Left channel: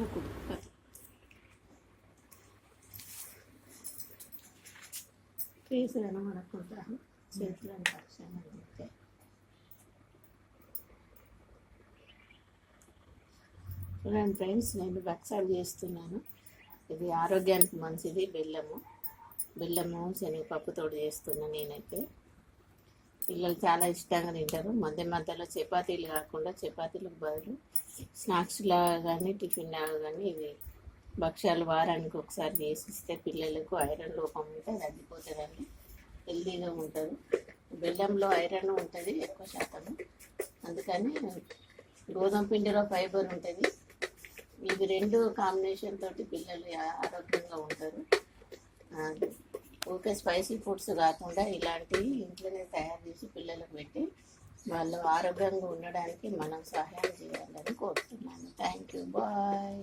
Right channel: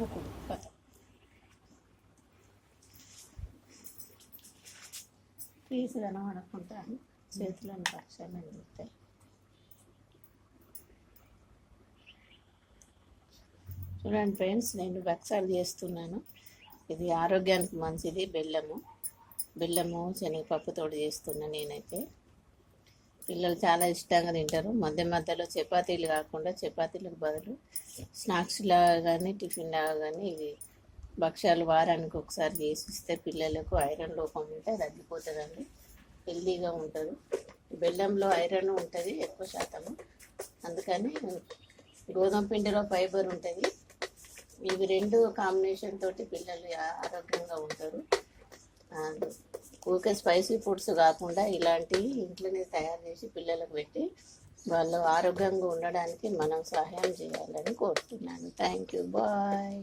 ముక్కుడు కథ ఫేస్ కనబడకుంటాను, చేతులను పక్షాలు అందిస్తాయి. చూడండి ఫ్రెండ్స్, నేను భక్షాలు చేస్తున్నాను. ఇది ఆరోగ్యానికి మంచిది. బెల్లము శనగపప్పుతో చేస్తున్నాను నేనైతే. పిల్లలు చాలా ఇష్టంగా తింటారు. మధ్య మధ్యలో చపాతీలు కాకుండా చపాతీలకు బదులు స్నాక్స్ లాగా కానీ టిఫిన్ లాగా కానీ ఇవి భక్ష్యాలు వారానికి ఒకసారి చేసిస్తే పిల్లలకు ఐరన్ లోపం ఉంటే తగ్గిపోతుందండి, హెల్తీగా ఉంటారు. బెల్లంలో ఐరన్ ఉంటుంది ఎక్కువ శాతము, అందుకని గోధుమ పిండిలో ఫైబర్ ఉంటుంది. ఇవి రెండు కాంబినేషన్ తోటి పిల్లలు ఆరోగ్యంగా ఉంటారు. ఊరికే స్పైసీ ఫుడ్స్ కాకుండా ఇలాంటివి ఇంట్లోనే తయారు చేసి పిల్లలకు పెట్టి వాళ్ళు ఆరోగ్యంగా ఉండడానికి మనం సహాయం చేయాలని కోరుతున్నాను. Thank you, bye.